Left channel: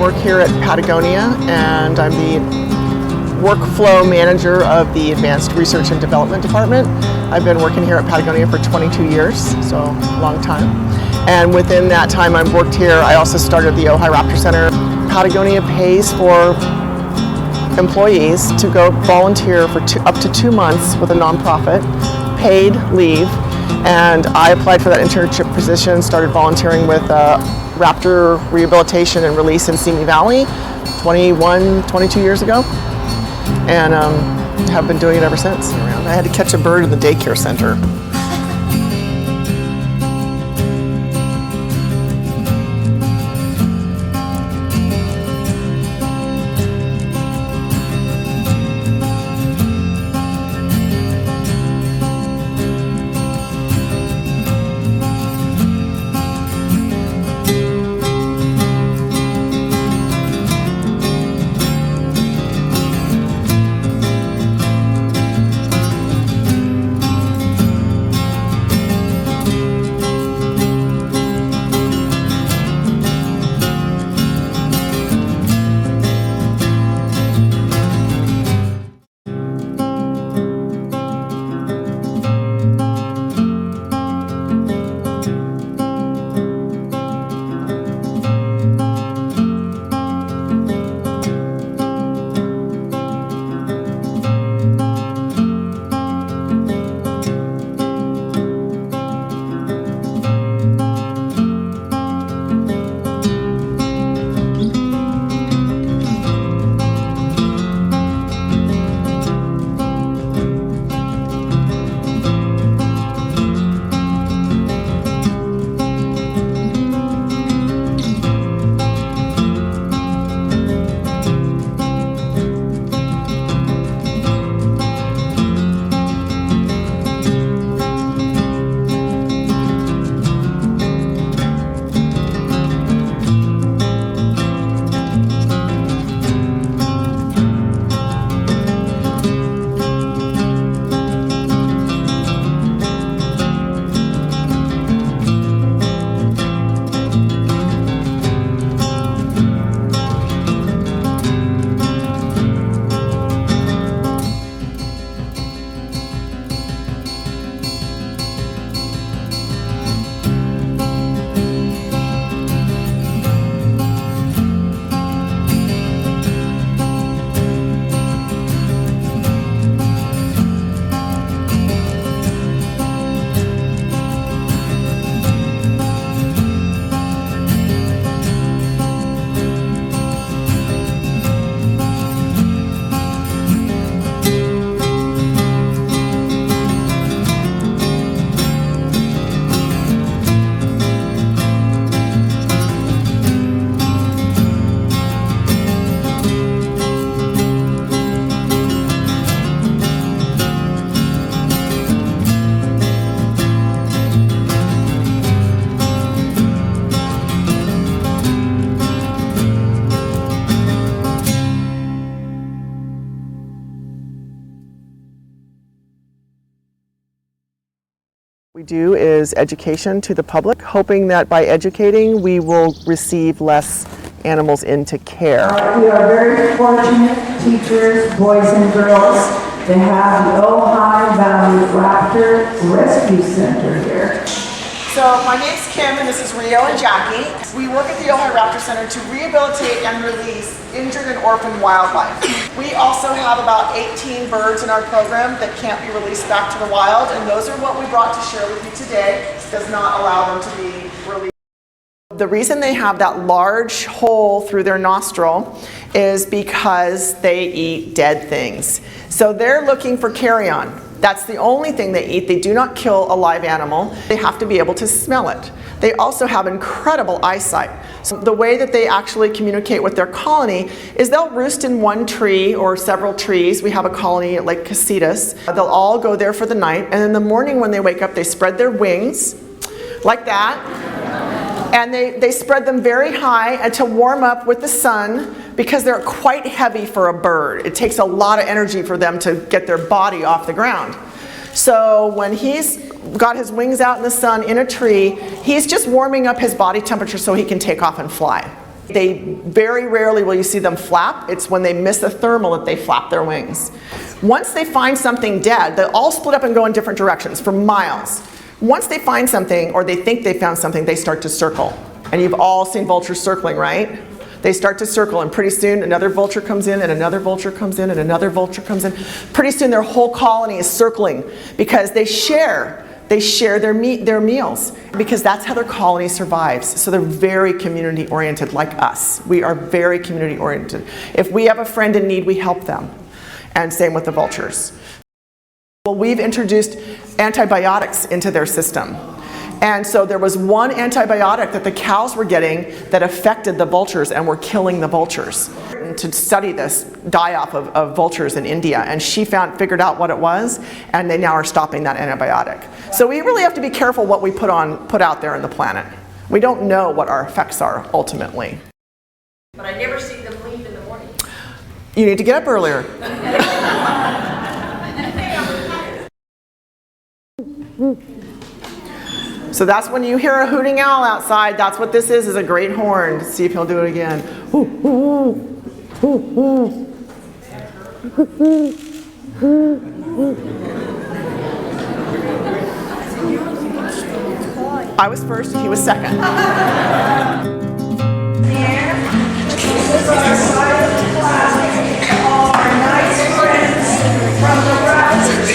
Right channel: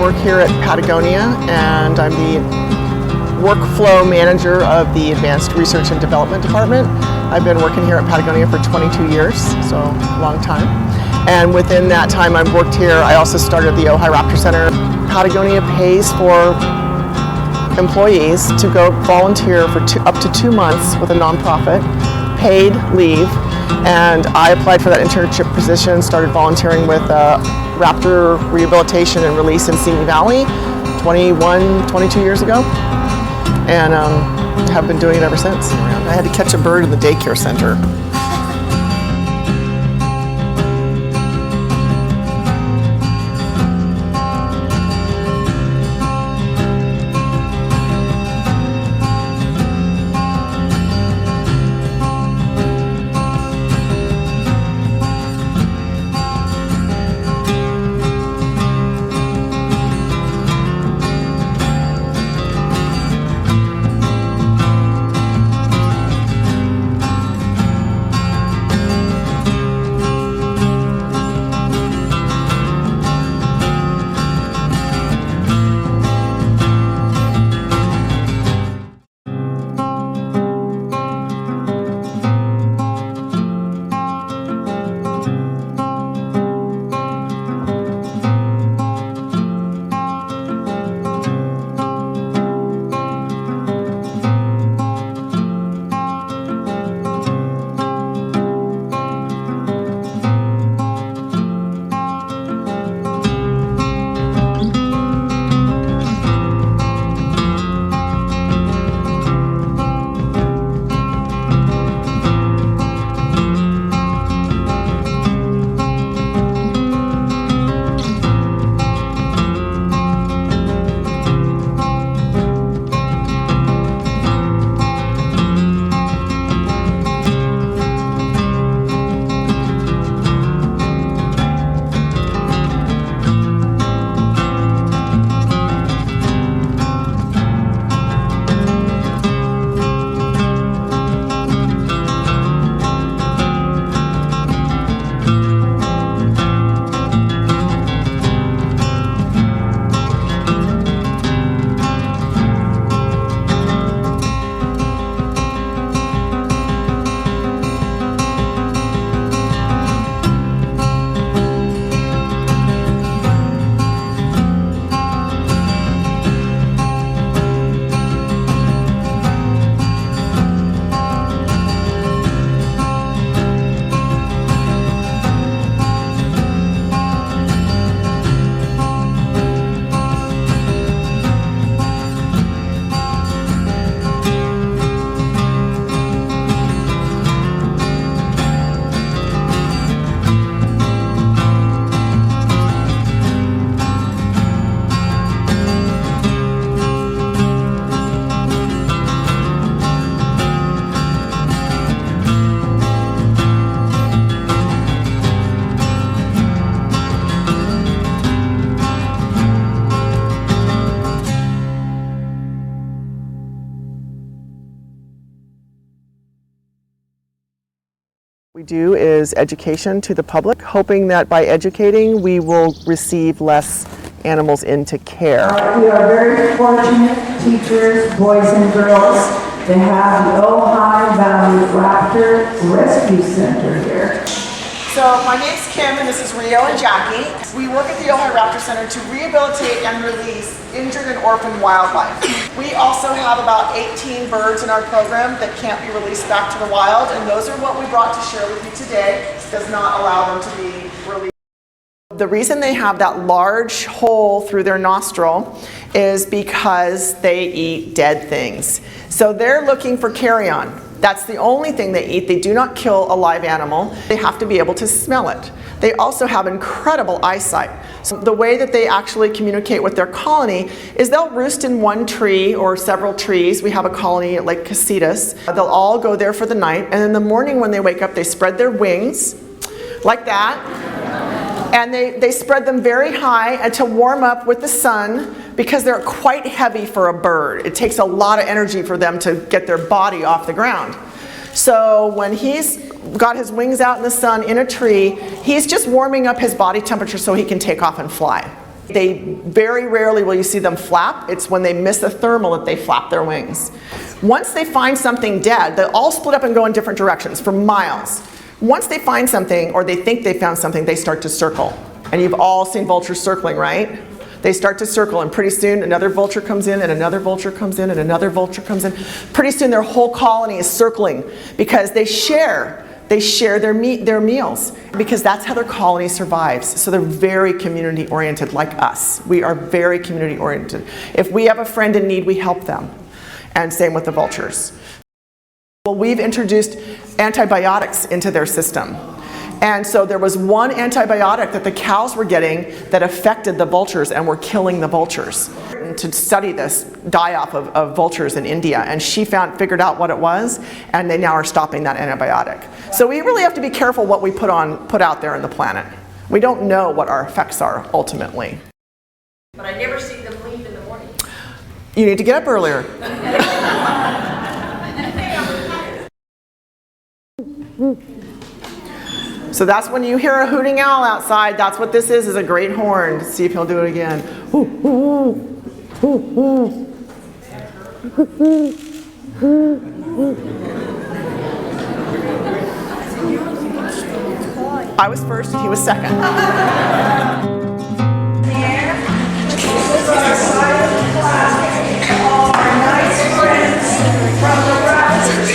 work here at Patagonia, and I'm the workflow manager of the Advanced Research and Development Department. I've been working here at Patagonia for 22 years, so a long time. And within that time I've worked here, I also started the Ojai Raptor Center. Patagonia pays for employees to go volunteer for up to 2 months with a nonprofit, paid leave, and I applied for that internship position, started volunteering with Raptor Rehabilitation and Release in Simi Valley 22 years ago, and have been doing it ever since. I had to catch a bird in the daycare center. We do is education to the public, hoping that by educating we will receive less animals into care. We are very fortunate, teachers, boys and girls, to have the Ojai Valley Raptor Rescue Center here. So my name's Kim and this is Rio and Jackie. We work at the Ojai Raptor Center to rehabilitate and release injured and orphaned wildlife. We also have about 18 birds in our program that can't be released back to the wild, and those are what we brought to share with you today. This does not allow them to be released. The reason they have that large hole through their nostril is because they eat dead things. So they're looking for carrion. That's the only thing they eat. They do not kill a live animal. They have to be able to smell it. They also have incredible eyesight. So the way that they actually communicate with their colony is they'll roost in one tree or several trees. We have a colony at Lake Casitas. They'll all go there for the night, and in the morning when they wake up, they spread their wings like that. And they spread them very high to warm up with the sun, because they're quite heavy for a bird. It takes a lot of energy for them to get their body off the ground. So when he's got his wings out in the sun in a tree, he's just warming up his body temperature so he can take off and fly. They very rarely will you see them flap. It's when they miss a thermal that they flap their wings. Once they find something dead, they all split up and go in different directions for miles. Once they find something, or they think they found something, they start to circle. And you've all seen vultures circling, right? They start to circle, and pretty soon another vulture comes in, and another vulture comes in, and another vulture comes in. Pretty soon their whole colony is circling because they share. They share their meals because that's how their colony survives. So they're very community oriented like us. We are very community oriented. If we have a friend in need, we help them. And same with the vultures. Well, we've introduced antibiotics into their system. And so there was one antibiotic that the cows were getting that affected the vultures and were killing the vultures. To study this die-off of vultures in India, and she figured out what it was, and they now are stopping that antibiotic. So we really have to be careful what we put out there in the planet. We don't know what our effects are ultimately. But I never see them leave in the morning. You need to get up earlier. So that's when you hear a hooting owl outside, that's what this is a great horn. See if he'll do it again. I was first and he was second. This is our silent flag. All our nice friends from the Raptors.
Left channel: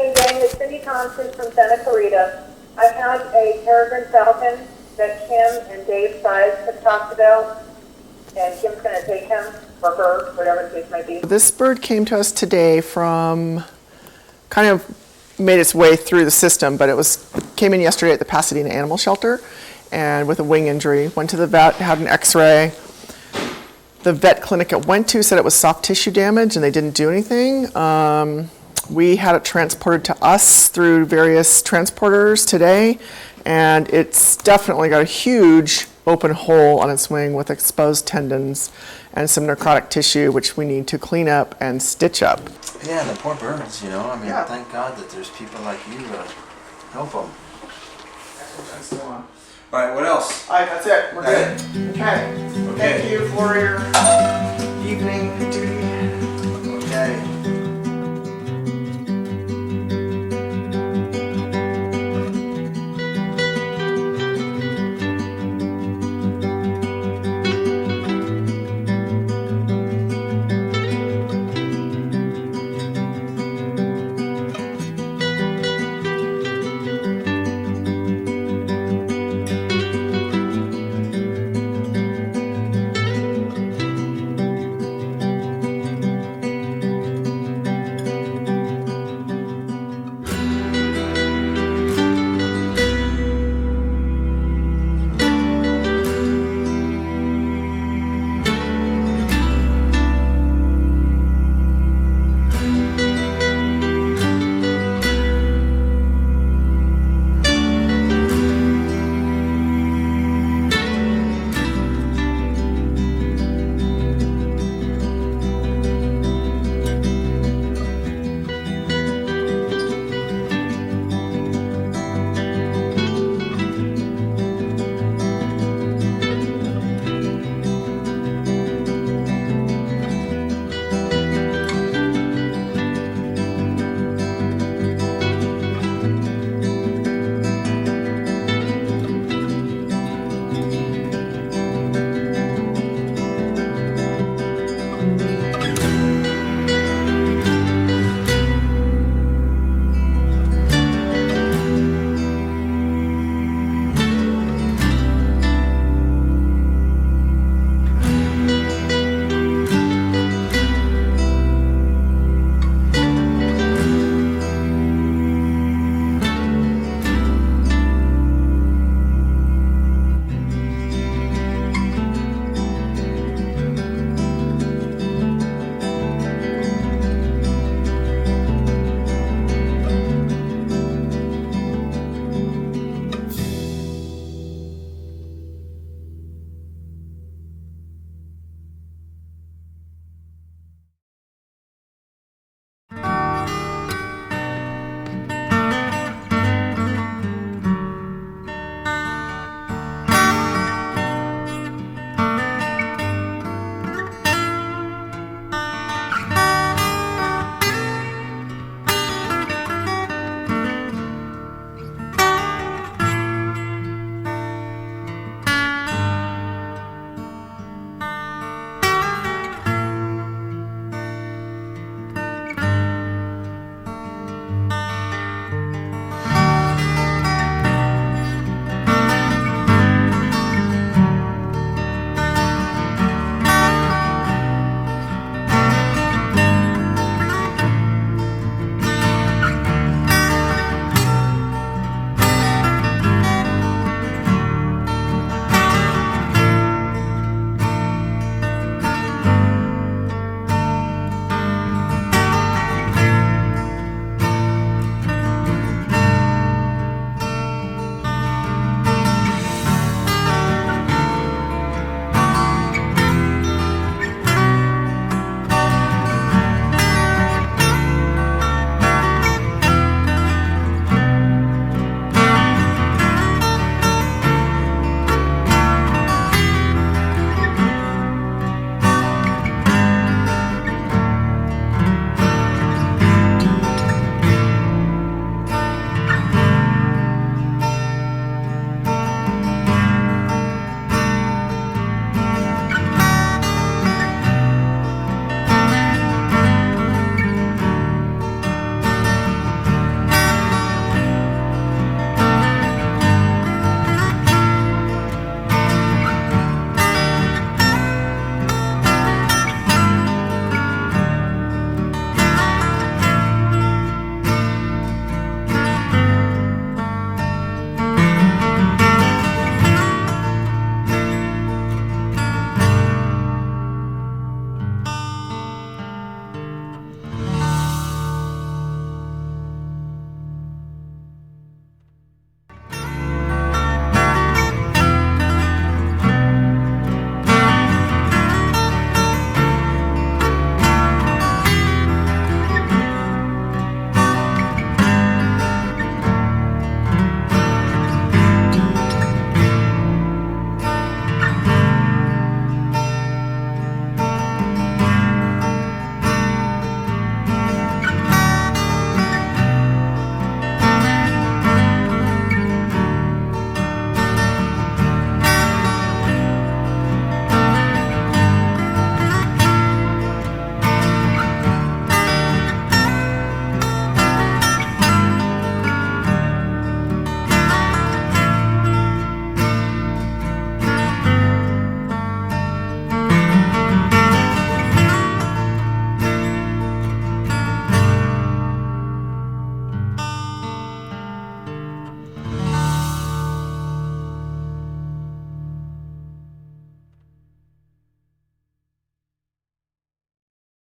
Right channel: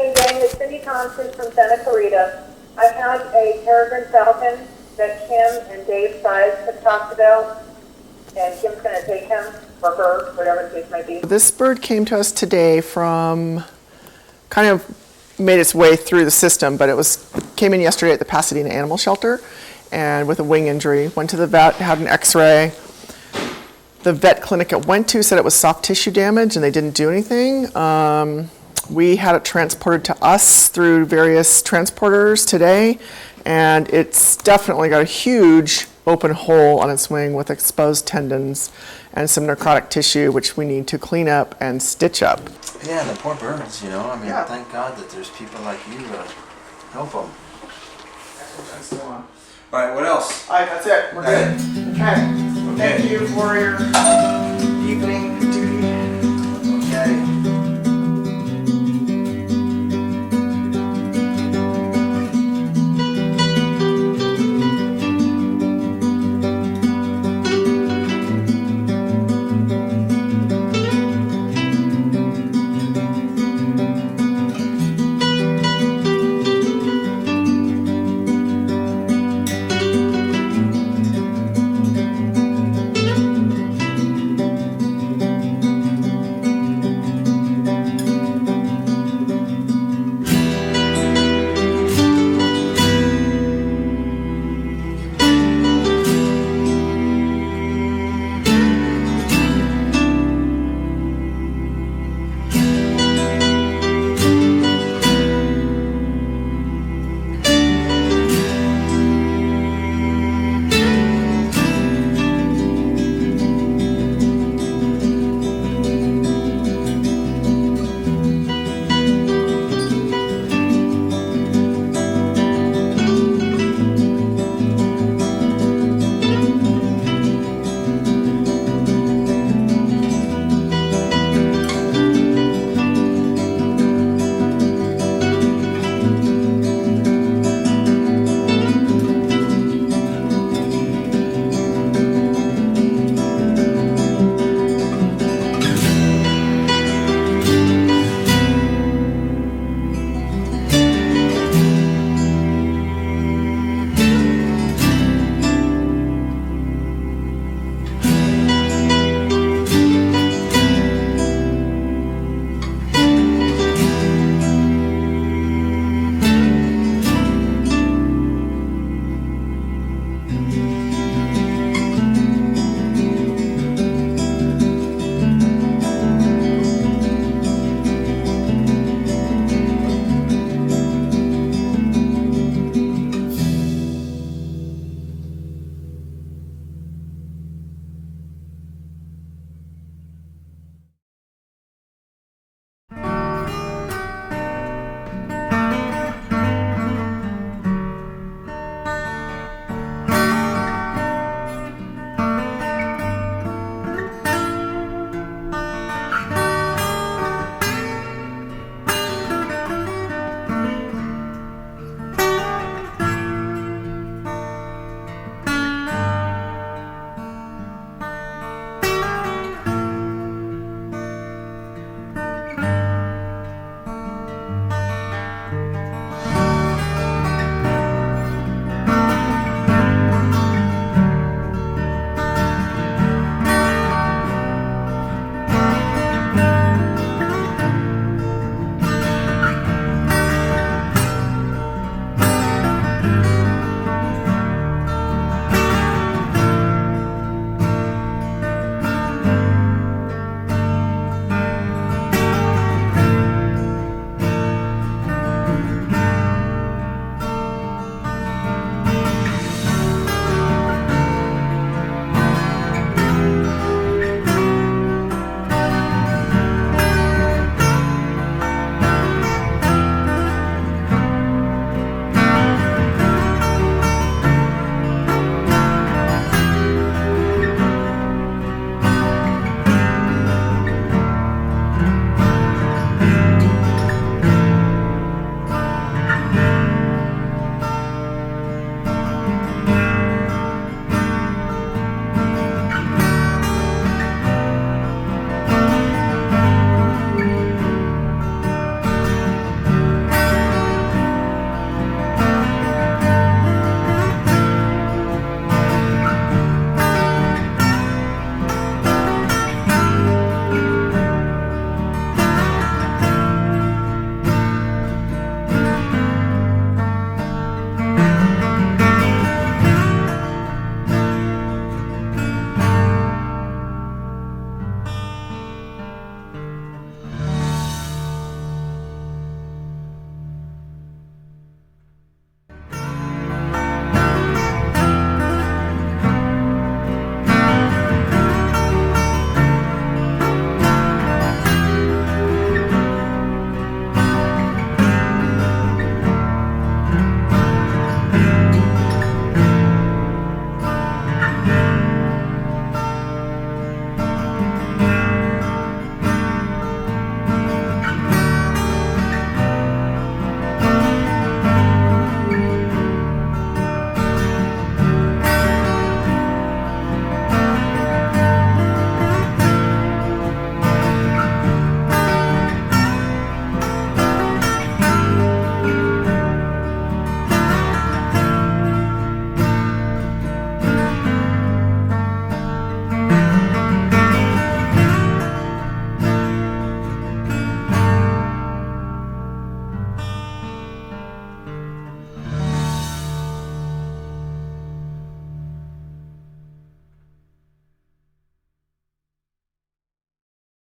evening, gang. It's Cindy Thompson from Santa Clarita. I have a peregrine falcon that Kim and Dave Size have talked about, and Kim's going to take him, or her, whatever the case might be. This bird came to us today from, kind of made its way through the system, but it came in yesterday at the Pasadena Animal Shelter, and with a wing injury. Went to the vet, had an x-ray. The vet clinic it went to said it was soft tissue damage, and they didn't do anything. We had it transported to us through various transporters today, and it's definitely got a huge open hole on its wing with exposed tendons and some necrotic tissue, which we need to clean up and stitch up. Yeah, the poor birds, you know. I mean, Yeah. thank God that there's people like you to help them. All right, what else? All right, that's it. We're Okay. good. Okay. Thank you for your evening duty